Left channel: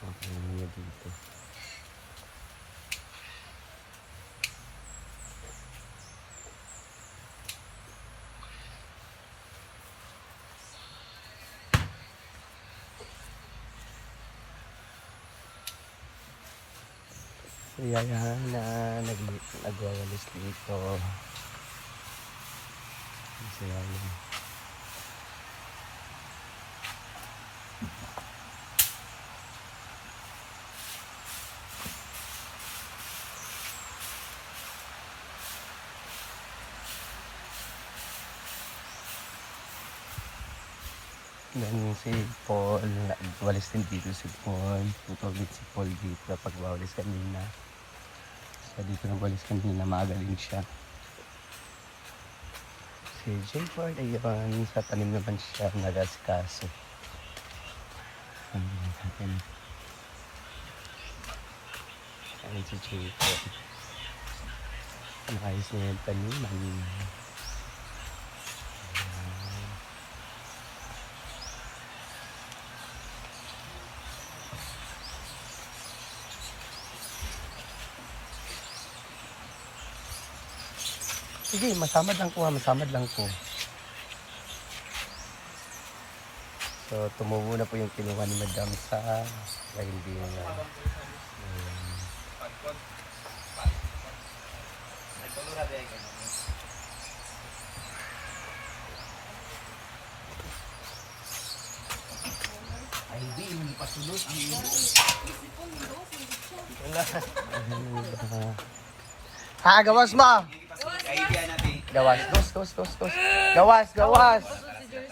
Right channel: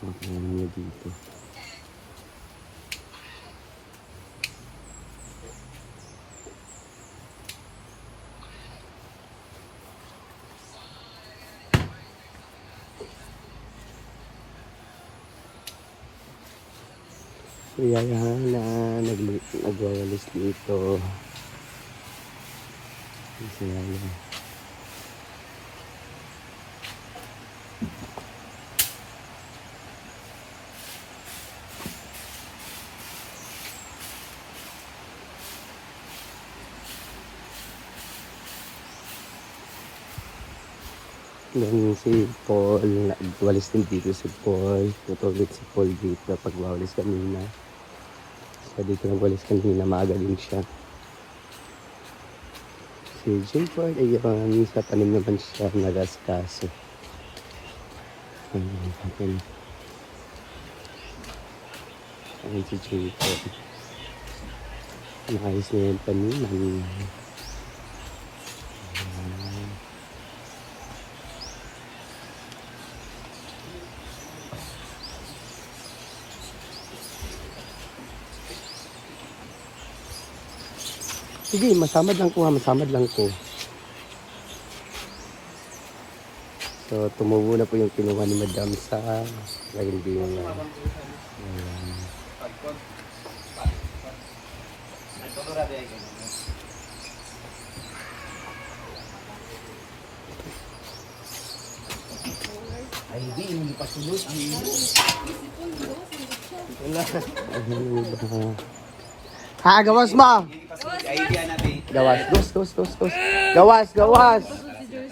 Tingnan nyo dito. So yan na nagwawalis dito. Kasi yung si Paul, nagwalis din dito si Paul. Putulit si Paul dito pag wawalis kanina. So dito nagwalis kanina, maaga din siya. Si Jimford, ayun, sa tanim naman siya nag-askaso. Ayun si Jimford. Nakayos niya yung tanim. Sige, masamad lang ko ha, masamad lang ko. So, tumubo na po yung kinuha ni Madam sa hindi yung ay di, hindi pa sulot ang ilo. ha, gawas mo! Gawas, gawas.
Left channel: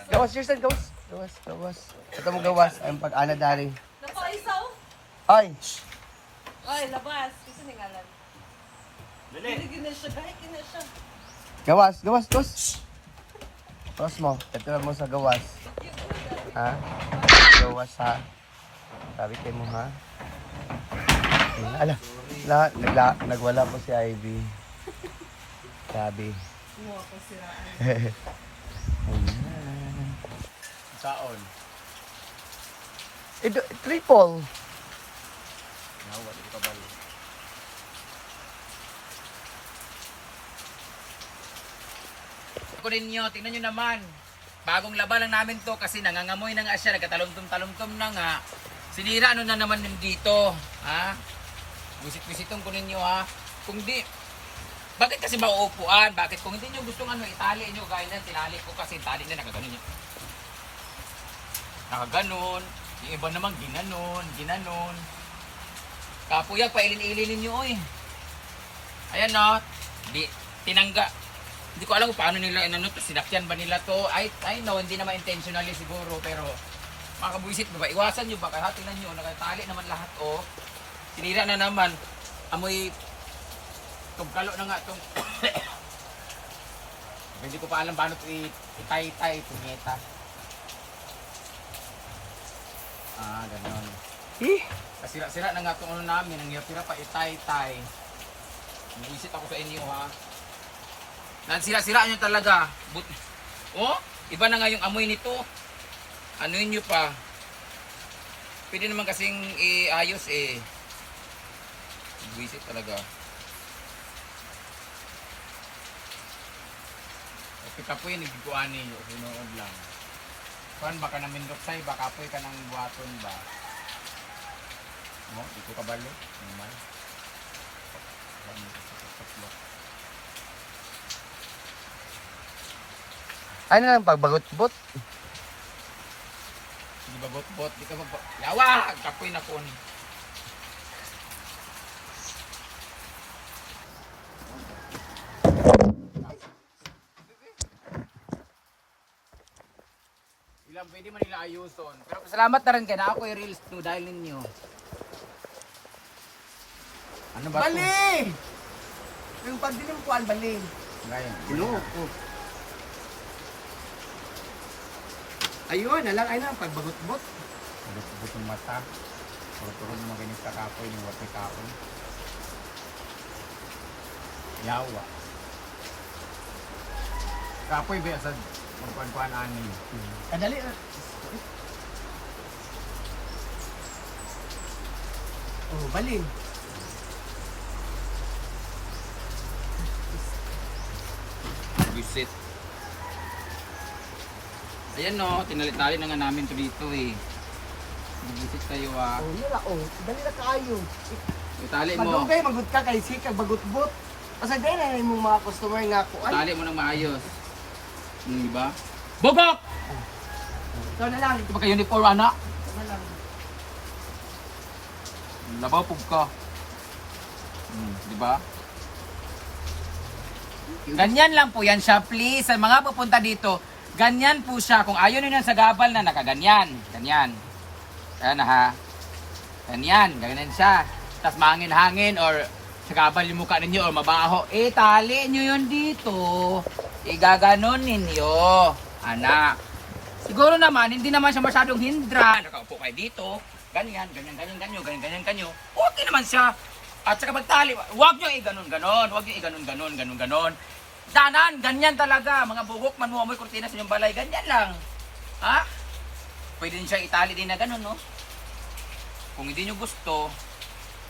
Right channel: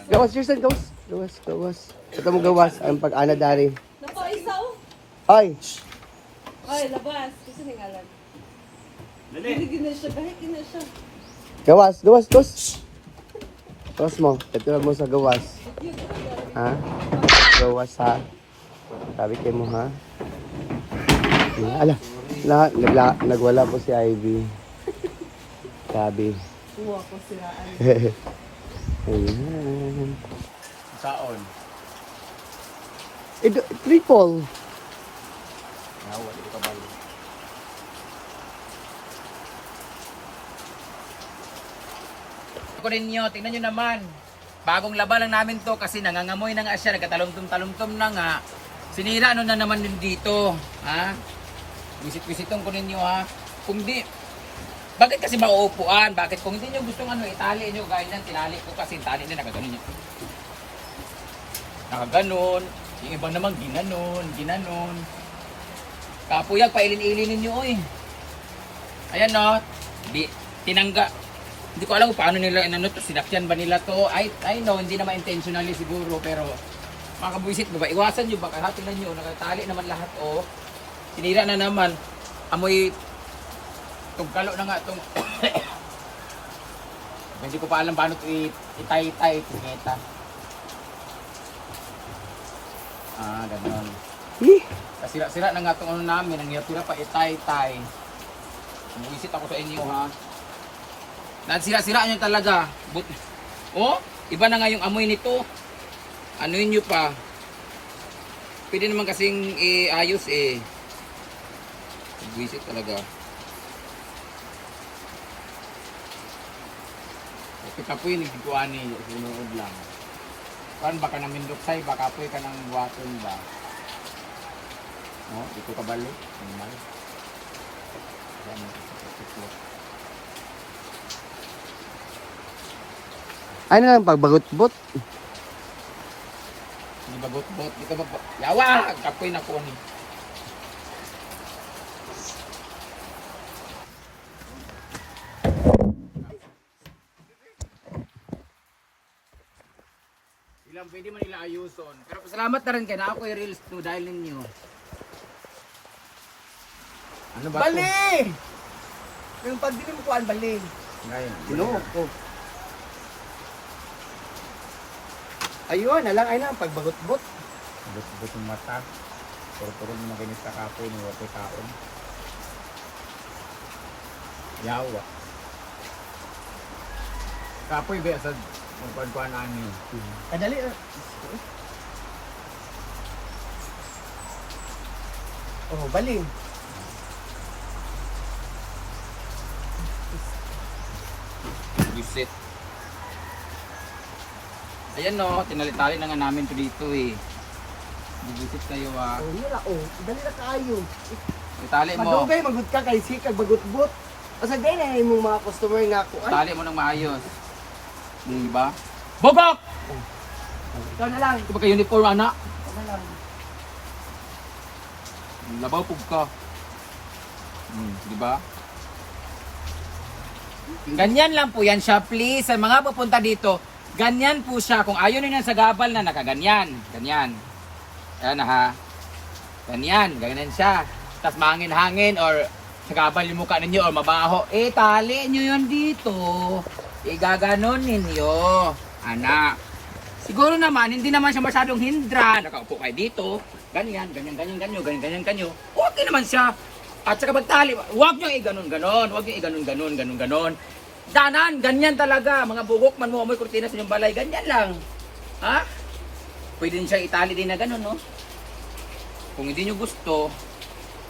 Gawas, Justin, gawas. Ito mo gawas, ang pag-ana dari. Napaisaw? Ay! Ay, labas. Kasi ningalan. Gina siya, kahit gina siya. Gawas. Gawas mo, ito mo sa gawas. Ha? Gawas ha. Sabi kayo mo ha. Nagwala po si Ivy. Sabi. Uwa ko sila. Ayan. Saon? Triple. Nawa, ito ka balo. Ako ninyo, tingnan nyo naman. Bagong laba lang namin to kasi nangangamoy na nga siya, nagkatalumtum-talumtum na nga. Sinira ano na naman din dito, ha? Visit-visitong ko ninyo, ha? Kung di, bakit kasi mauupuan? Bakit kung hindi nyo gustong itali nyo, gaya nan, tinali ko kasi tali na nakaganon nyo. Nakaganon, yung iba naman ginanon. Kapuyag, pailin-ilin ninyo, oy. Ayan, no? Tinangga. Hindi ko alam kung paano nila inano to, sinakyan ba nila to? I know, hindi naman intentionally siguro, pero makabuisit ba? Iwasan nyo ba? Kaya tingnan nyo, nakatali naman lahat, oh. Sinira na naman. Amoy tugkalo na nga itong hindi ko pa alam paano ito itay-tay, tingita. Ganon. Kasira-sira na nga itong ano namin, ang hirap pa itay-tay. Umuisit ako sa inyo, ha. Sira-sira nyo talaga. Oh, iba na nga yung amoy nito. Anuin nyo pa. Pwede naman kasing ayos eh. Buisit talaga. Kapoy nagkukuha ni sinuod lang. Kuan baka namin duksay, baka kapoy ka ng buhaton ba? No, dito ka balo, normal. Ano lang, pagbagot-bot. Hindi ba bot-bot? Dito ba? Yawa! Kapoy na ko ni. Ilang pwede man nila ayuson. Pero salamat na rin kayo na ako i-reels no dahil ninyo. Ano ba Bali! ito? Yung pagdilim ko, bali. Ngayon. Sinuok ko. Ayun, alang ay na, pagbagot-bot. But yung mata. Puro-puro naman ganit sa kapoy ng wato taon. Yawa. Kapoy ba sa magkuhan-kuhan ani? Kadali. Oh, bali. Visit. Ayan no, tinali-tali na nga namin to dito eh. Mag-visit kayo ah. Oh, yun oh. Dali na kayo. Itali mo. Madugay, magud ka kay sikag bagut-but. Asa din na yung mga customer nga ko. Ay, Itali mo ng maayos. Diba? Bogok! ikaw na lang. Ito ba kayo uniform anak? Ikaw na lang. Labaw pug ka. Diba? Ganyan lang po yan siya, please. Sa mga pupunta dito, ganyan po siya. Kung ayaw nyo sa gabal na nakaganyan. Ganyan. Ayan na ha. Ganyan. Ganyan siya. Tapos mangin-hangin or sa gabal yung mukha ninyo or mabaho. Eh, tali nyo yun dito. Igaganon ninyo. Anak. Siguro naman, hindi naman siya masyadong hindra. Nakaupo kayo dito. Ganyan, ganyan, ganyan, ganyan, ganyan, ganyan, ganyan. Okay naman siya. At saka magtali, huwag nyo i-ganon-ganon, huwag nyo i-ganon-ganon, ganon-ganon. Danan, ganyan talaga. Mga bugok man mo, amoy kurtina sa inyong balay, ganyan lang. Ha? Pwede din siya itali din na ganon, no? Kung hindi nyo gusto,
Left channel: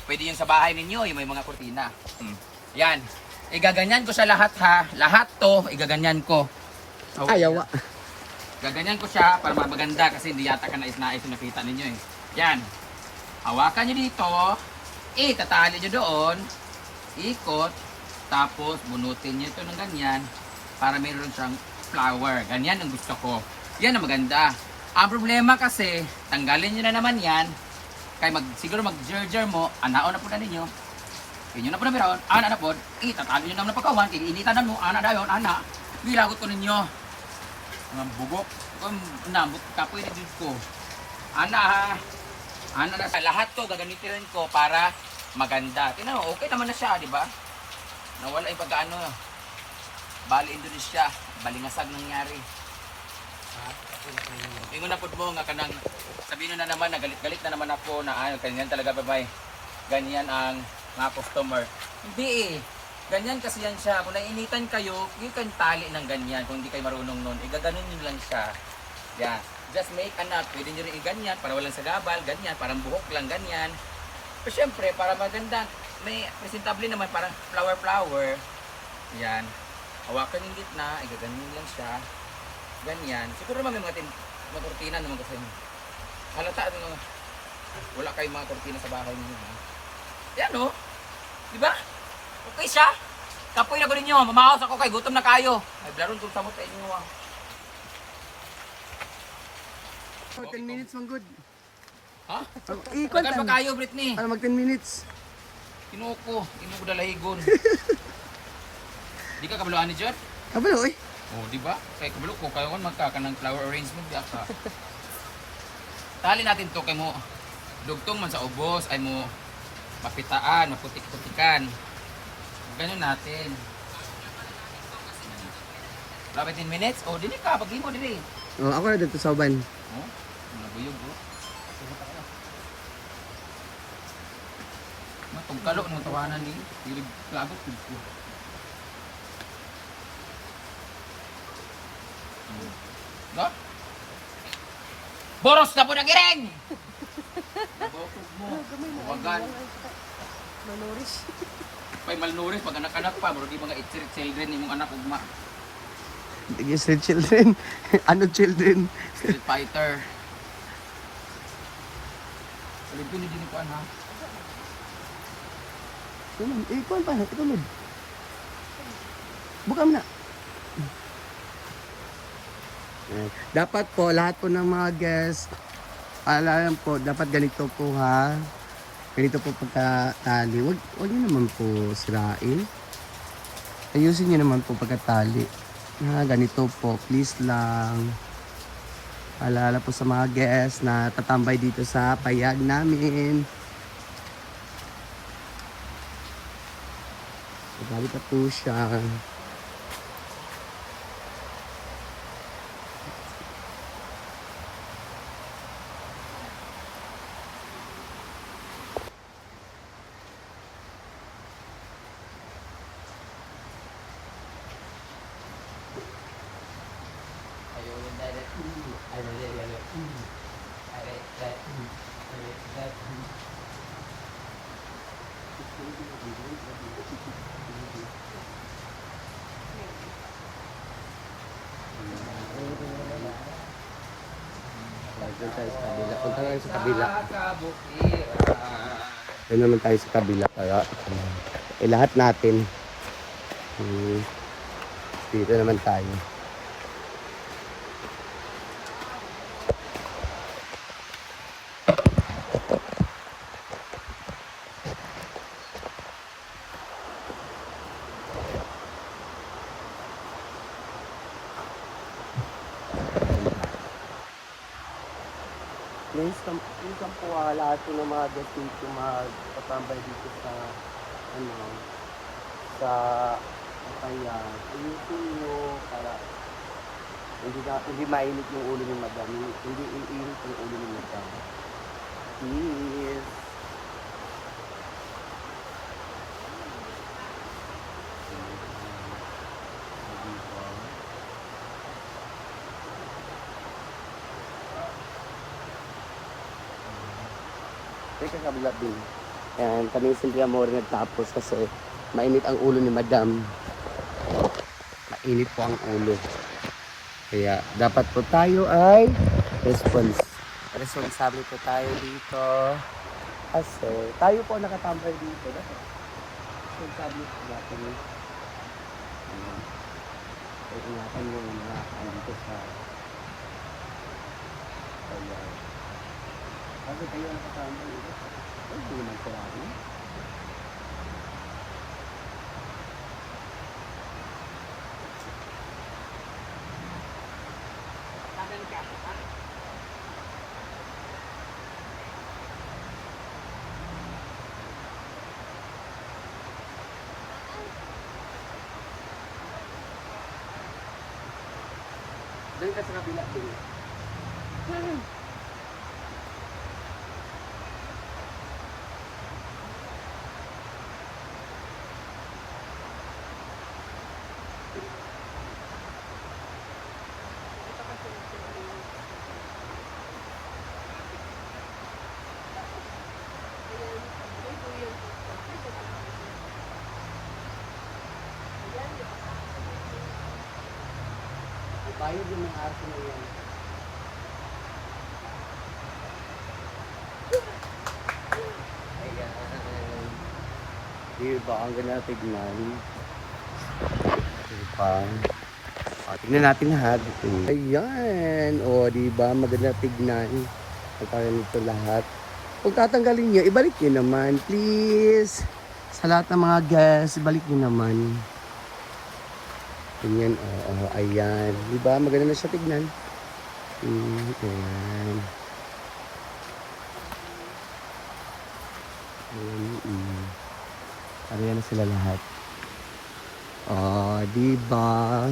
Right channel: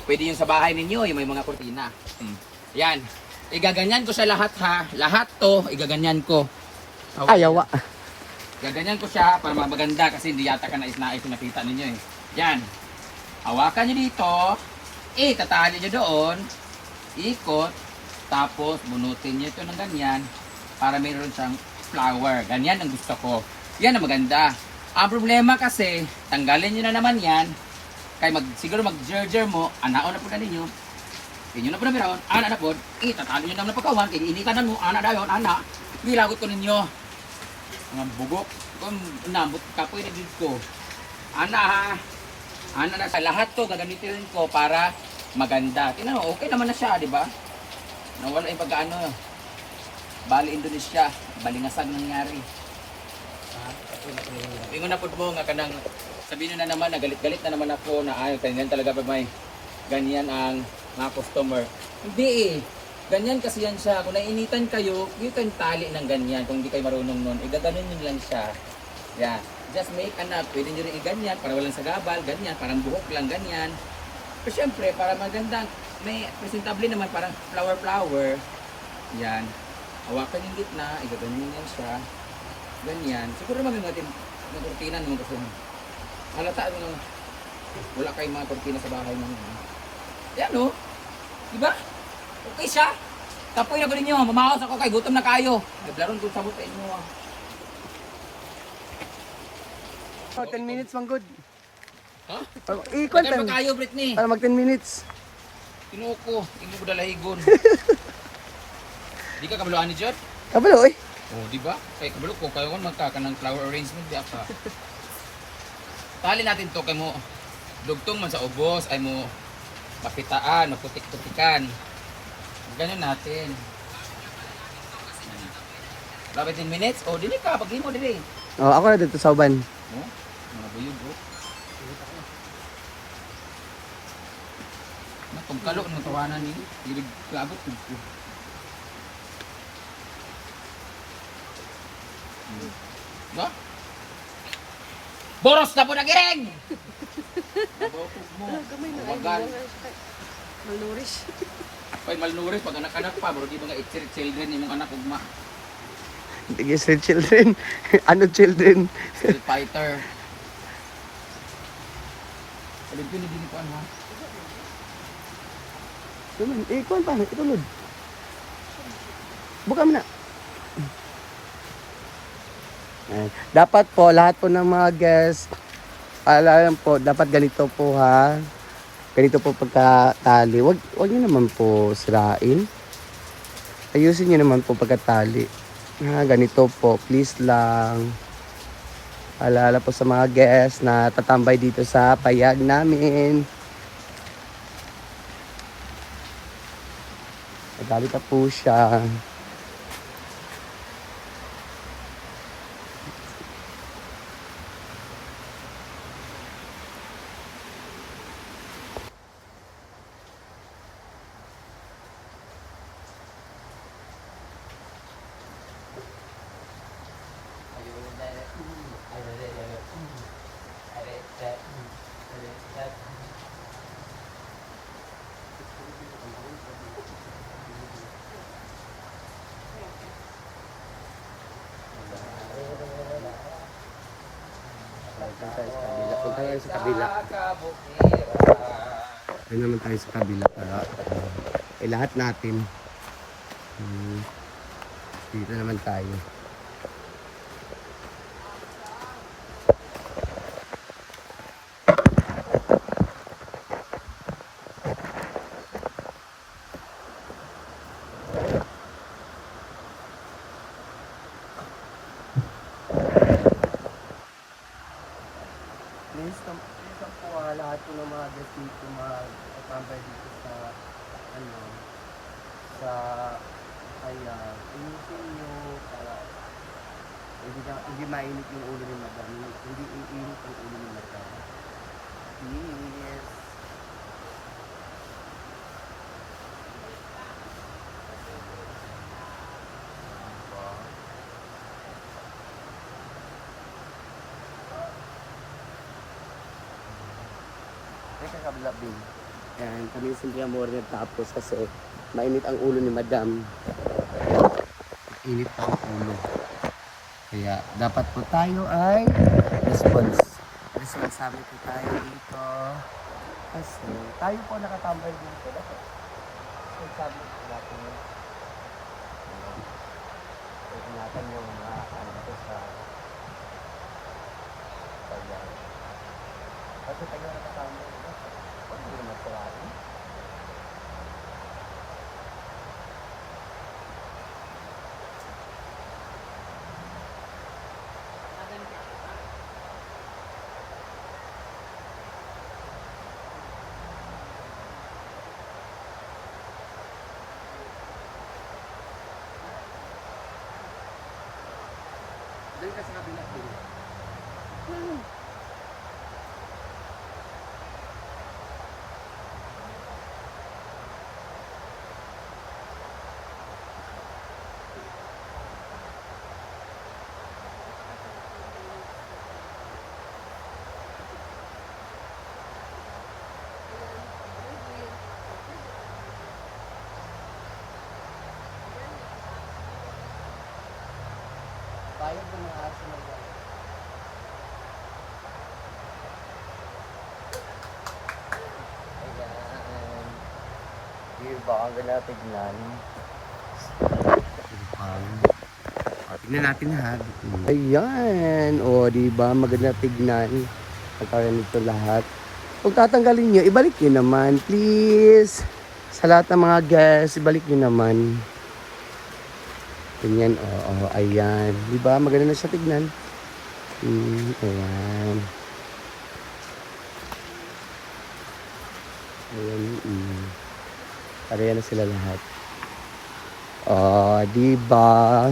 pwede yung sa bahay ninyo, yung may mga kurtina. Yan. Igaganyan ko sa lahat ha. Lahat to, igaganyan ko. Ayaw. Gaganyan ko siya para maganda kasi hindi yata ka nais-nais yung nakita ninyo eh. Yan. Hawakan nyo dito. Tatali nyo doon. Ikot. Tapos bunutin nyo ito ng ganyan para mayroon siyang flower. Ganyan ang gusto ko. Yan ang maganda. Ang problema kasi, tanggalin nyo na naman yan. Kaya siguro mag-jerjer mo, anaon na po na ninyo. Inyo na po na meron, ana na po. Tatali nyo naman na pagkawan. Kaya initan na mo, ana dayon, ana. Bilagot ko ninyo. Mga bugok. Kung nabot kapoy na dito ko. Ana ha. Ana na sa lahat to gagamitin ko para maganda. Tingnan mo, okay naman na siya, di ba? Nawala yung pagkaano. Bali Indonesia, balingasag nangyari. Ingon na po mo nga kanang sabihin na naman na galit-galit na naman ako na ayaw ganyan talaga pa may ganyan ang mga customer. Hindi eh. Ganyan kasi yan siya. Kung nainitan kayo, you can tali ng ganyan. Kung hindi kayo marunong nun, igaganon nyo lang siya. Yan. Just make anak. Pwede nyo rin i-ganyan para walang sagabal. Ganyan. Parang buhok lang ganyan. Pero syempre, para maganda, may presentable naman parang flower-flower. Yan. Hawakan yung gitna. Igaganon lang siya. Ganyan. Siguro naman may mga kurtina naman kasi. Halata, wala kayong mga kurtina sa bahay naman. Yan o. Diba? Okay siya. Kapoy na ko ninyo. Mamaos ako kay gutom na kayo. Ay, blaron doon sabot sa inyo. 10 minutes man good. Ha? Ikot Bagal pa kayo, Britney. Para mag 10 minutes. Tinuko. Imo ko dalahigon. Di ka kabaluan ni Jod? Kabalo eh. Oh, di ba? Kay kabalo ko. Kayo kan magkaka ng flower arrangement. Di ka. Tali natin to kay mo. Dugtong man sa ubos. Ay mo mapitaan. Maputik-putikan. Ganyan natin. Wala 10 minutes? O, dili ka. Pag mo, dili. Oh, ako na dito sa uban. Oh, mga buyog, oh. Pagkalo ng tawanan ni, hilig klabot ko. No? Boros na po na giring! Nabotog mo. Wagan. Malnourished. Pay malnourished pag anak-anak pa, bro di mga street children imong anak ugma. Sige, street children. Ano children? Street fighter. Alin ko ni dinikuan ha. Tulod. Kuhan pa. Itulod. Buka mo na. Dapat po, lahat po ng mga guests, alam po, dapat ganito po ha. Ganito po pagkatali. Wag nyo naman po sirain. Ayusin nyo naman po pagkatali. Ganito po, please lang. Alala po sa mga guests na tatambay dito sa payag namin. Magalit na po siya. Doon tayo sa kabila. Punta na sa kabila. Doon naman tayo sa kabila para lahat natin. Dito naman tayo. Minsan po lahat po ng mga guest dito magpatambay dito sa sa Payag. Ayusin nyo para hindi mainit yung ulo ni madam. Hindi iinit yung ulo ni madam. Please. Dito. Teka, kabila din. Ayan, kami simple amor nagtapos kasi mainit ang ulo ni madam. Mainit po ang ulo. Kaya dapat po tayo ay responsable po tayo dito. Kasi tayo po nakatambay dito. Dapat responsable po natin. Ingatan yung mga dito sa Payag. Kasi tayo nakatambay dito. Hindi naman sawain. Doon ka sa kabila din. Bayad ng mga aso na yan. Ayan. Diba? Ang ganda tignan. Diba? O, tignan natin lahat. Ayan. O, diba? Maganda tignan. Pagkaroon nito lahat. Kung tatanggalin nyo, ibalik nyo naman. Please. Sa lahat ng mga guests, ibalik nyo naman. Ganyan, oo, ayan. Diba? Maganda na siya tignan. Ayan. Ayan, Pareha na sila lahat. Diba?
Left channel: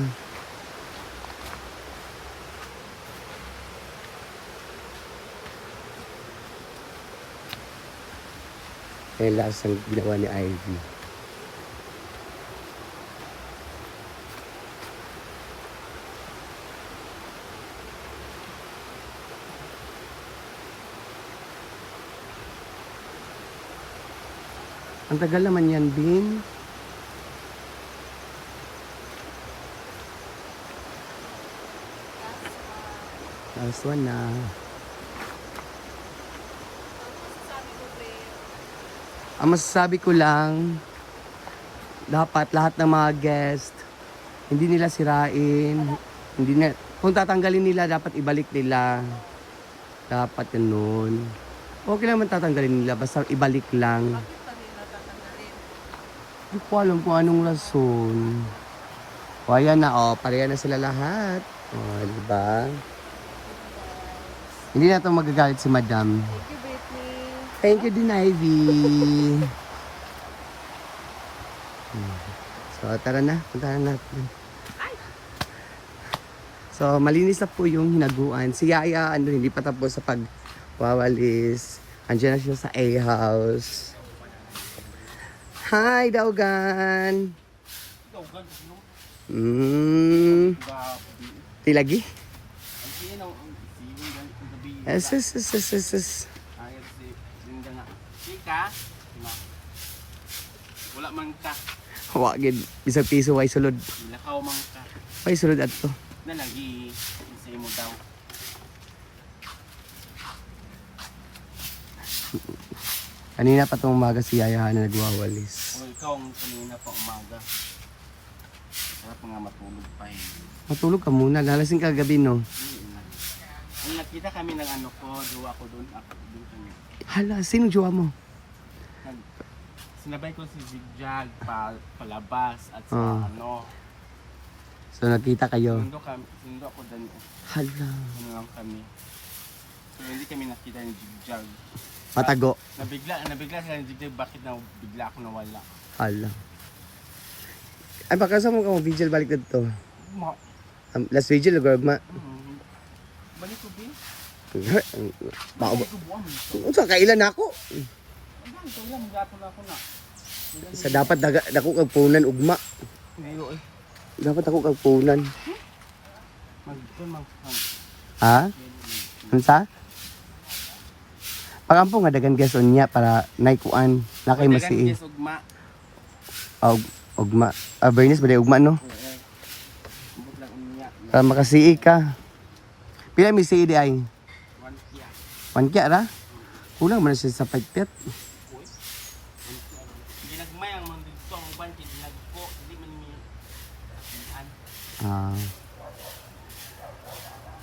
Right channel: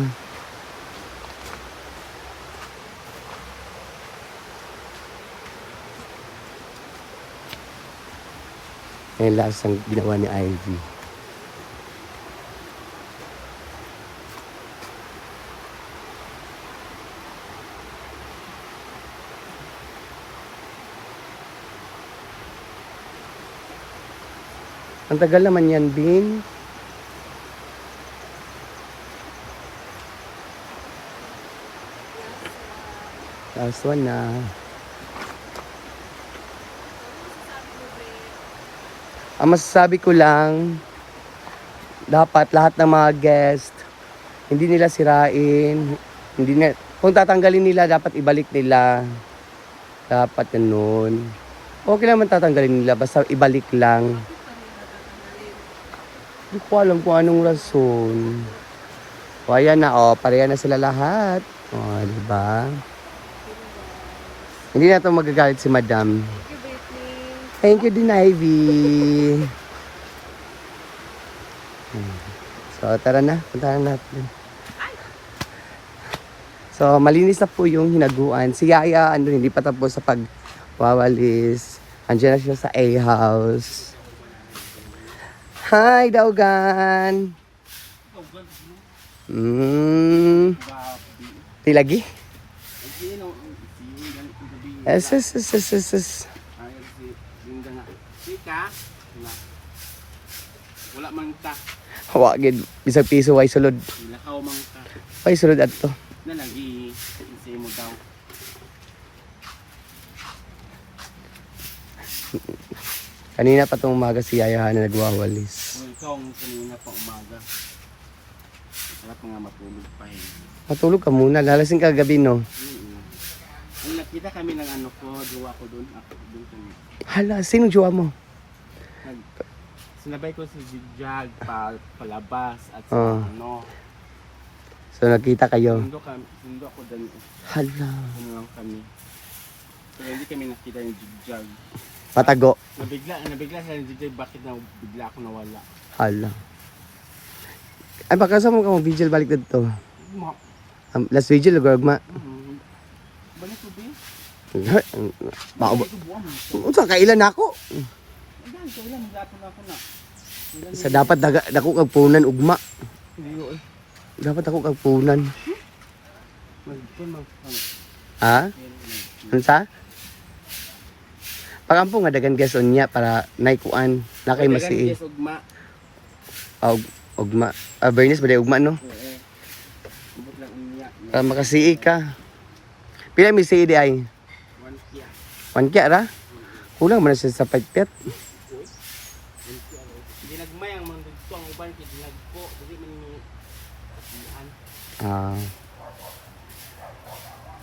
Ayan lang ang ginawa ni Ivy. Ang tagal naman yan, Bin. Last one na. Ang masasabi ko lang, dapat lahat ng mga guest, hindi nila sirain. Hindi na, kung tatanggalin nila, dapat ibalik nila. Dapat ganun. Okay naman tatanggalin nila, basta ibalik lang. Hindi ko alam kung anong rason. O ayan na, pareha na sila lahat. Diba? Hindi na ito magagalit si madam. Thank you din, Ivy. So tara na, puntahan natin. So malinis na po yung hinaguan. Si Yaya, hindi pa tapos sa pagwawalis. Andiyan na siya sa A-house. Hi, Daugan! Tilagi? Yes. Wala man ka. Hawagin, bisag piso, way sulod. Nakaw man ka. Way sulod ato. Na lang i-say mo daw. Kanina pa itong umaga si Yaya na nagwawalis. Kung ikaw ang kanina pa umaga. Sarap nga matulog pa eh. Matulog ka muna, lalasing ka gabi no. Nung nakita kami ng ano ko, jowa ko doon, ako doon kami. Hala, sino jowa mo? Sinabay ko si Zigjag palabas at sa Ah. ano. So nagkita kayo. Sundo ako doon. Hala. Ano lang kami. Kaya hindi kami nakita ni Zigjag. Patago. Nabigla sila ni Zigjag, bakit na bigla ako nawala. Hala. Ay baka sa mo ka mo vigil balik dito. Last vigil gagma. Balik ko ba? Mao. Balik ko buwan. Unsa kailan ako? Ang kailan gatong ako na. Sa dapat dako kag punan ugma. Hindi ko eh. Dapat ako kag punan. Mag Ha? Unsa? Pagampo nga dagan guys unya para naikuan na kay masii. Ugma. Ugma. Bernis ba ugma no? Oo. Ibot lang umiyak. Para makasii ka. Pila mi sii di ay? 1 kya. 1 kya ra? Kulang man na siya sa pagpet. Ginagmay ang mga dito ang uban kay ginagko dili man ni kasihan. Ah.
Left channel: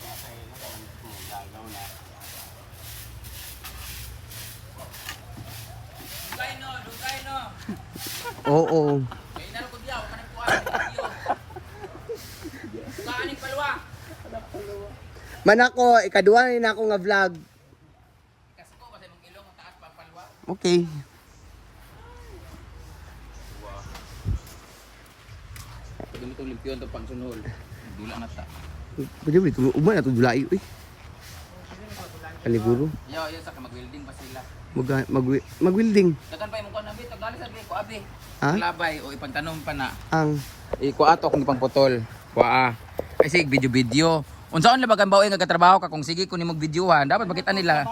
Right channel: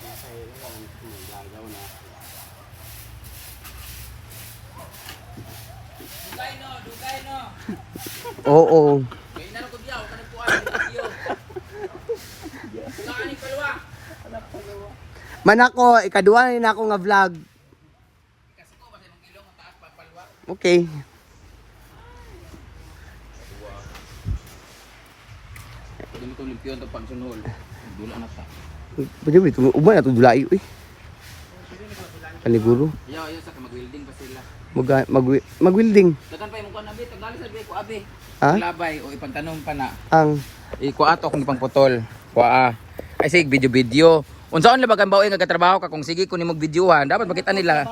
Nasa ila man mo dagaw na. Dugay no. Oo. Kainan ko diyaw, kanang kuan video. Kaani palwa. Man ako, ikaduha na rin ako nga vlog. Kasi ko basta nung ilong taas pa palwa. Okay. Pwede mo itong limpiyon itong pangsunol. Dula na ta. Pwede ba ito? Uban na ito dulayo eh. Paniguro. Yaw, sa mag-welding pa sila. Mag-welding. Dagan pa yung kuan abi, tagali sa biya ko abi. Ha? Labay o ipagtanom pa na. Ang Iko ato kung ipang putol. Kuha. Ay sig video. Unsaon na bagan baoy nga katrabaho ka kung sige kun imong videohan, dapat makita nila.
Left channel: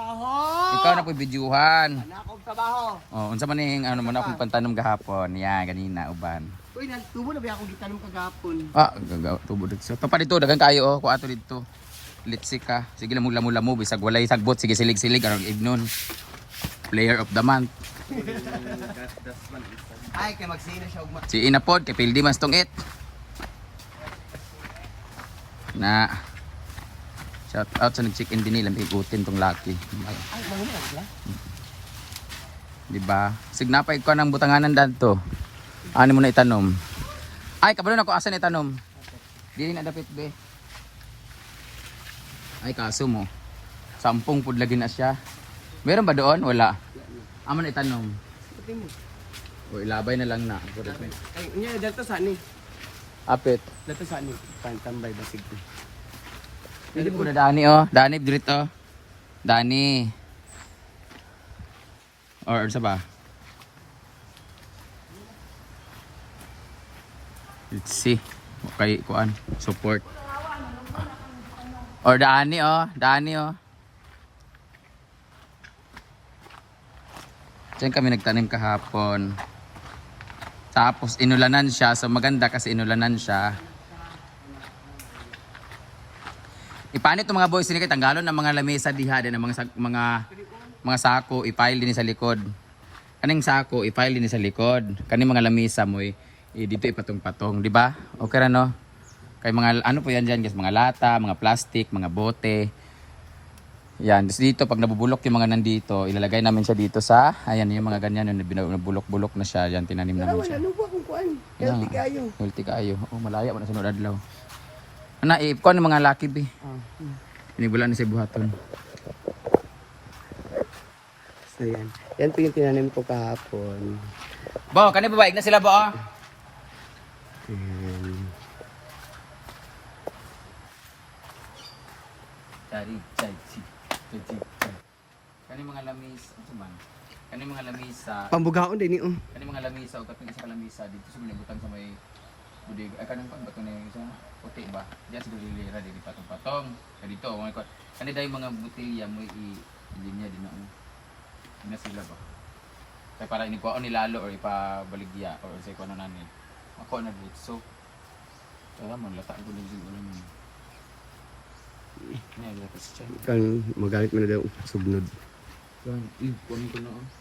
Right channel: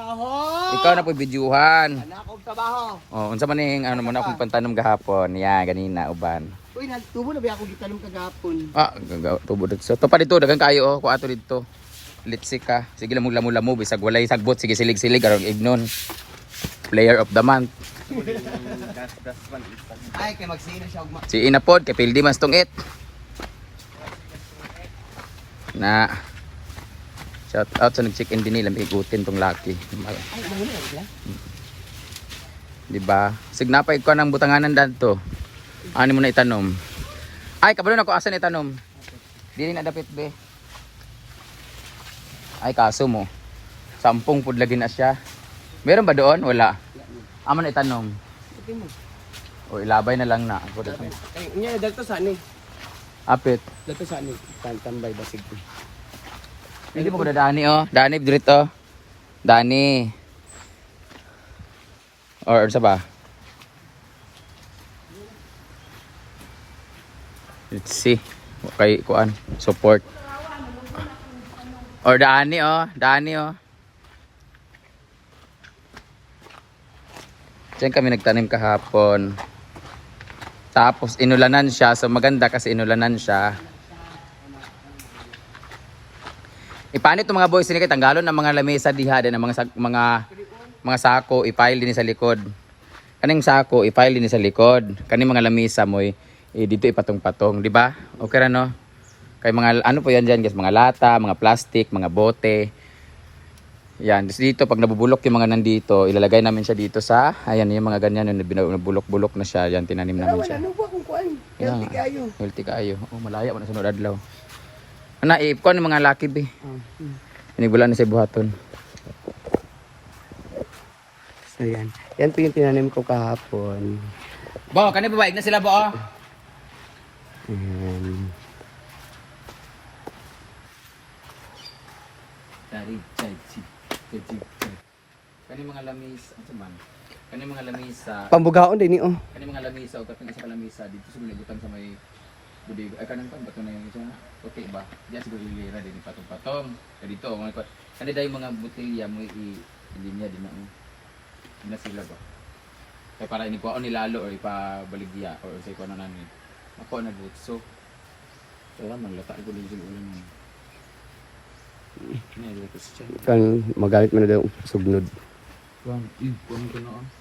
Ikaw na po videohan. anak ko trabaho. Oh, unsa man ning ano mo na akong pantanom gahapon. Ya, ganina uban. Uy, nagtubo na ba ako gitanong kagapon? Ah, tubo dito. So, to pa dito dagang kayo oh, kuha ato dito. Litsik ka. Sige lang lamo-lamo bisag walay sagbot, sige silig-silig aron ignon. Player of the month. Ay, kay magsino siya ugma. Si Inapod kay Pildi mas tungit. Na shout out sa nag-check-in din nila, igutin tong laki. Ay, mahuli lang sila. Di ba? Signapay ko ng butanganan dadto. Ano mo na itanom? Ay, kabalo na ko asa na itanom. Dili na dapit be. Ay, kaso mo. 10 pud lagi na siya. Meron ba doon? Wala. Amo na itanom. Ito mo. O ilabay na lang na. Ay, unya dito sa ani. Apit. Dito sa ani. Tambay basig. Hindi mo ko Dani oh. Dani dito. Dani. Or sa ba? Let's see. Okay, kuan. Support. Or Dani oh. Dani oh. Diyan kami nagtanim kahapon. Tapos inulanan siya. So maganda kasi inulanan siya. Ipanit itong mga boys, kay tanggalon ng mga lamesa diha din ng mga sako, i-file din sa likod. Kaning sako, i-file din sa likod. Kaning mga lamesa mo, dito ipatong-patong, di ba? Okay ra no? Kay mga ano po yan diyan, guys, mga lata, mga plastic, mga bote. Yan, dito pag nabubulok yung mga nandito, ilalagay namin siya dito sa, ayan yung mga ganyan, yung nabulok-bulok na siya, yan tinanim namin siya. Ano ba kung kuan? Yan. Healthy kayo. Healthy kayo. Oh, malaya pa na sunod adlaw. Ana, ipon ng mga laki be. Inigula na sa buhaton. So yan. Yan po yung tinanim ko kahapon. Bo, kani babaig na sila ba? Ayan. Kani mga lamis, ano man? Kani mga lamisa, Pambugaon din ni oh. kani mga lamisa o katong isa ka lamisa dito sa malibutan sa may budi ay kanin pa bato na yung puti ba? Diyan siguro lilira din patong-patong. Kaya dito mga kani dai mga botelya mo linya din na. Ina sila ba? Kaya para ini ko nilalo or ipabaligya or sa ikuan na namin. Ako na dito. So wala man lata ko din yung ulan. Niya dito sa Kan magalit man na daw sugnod. Yan, kunin ko na.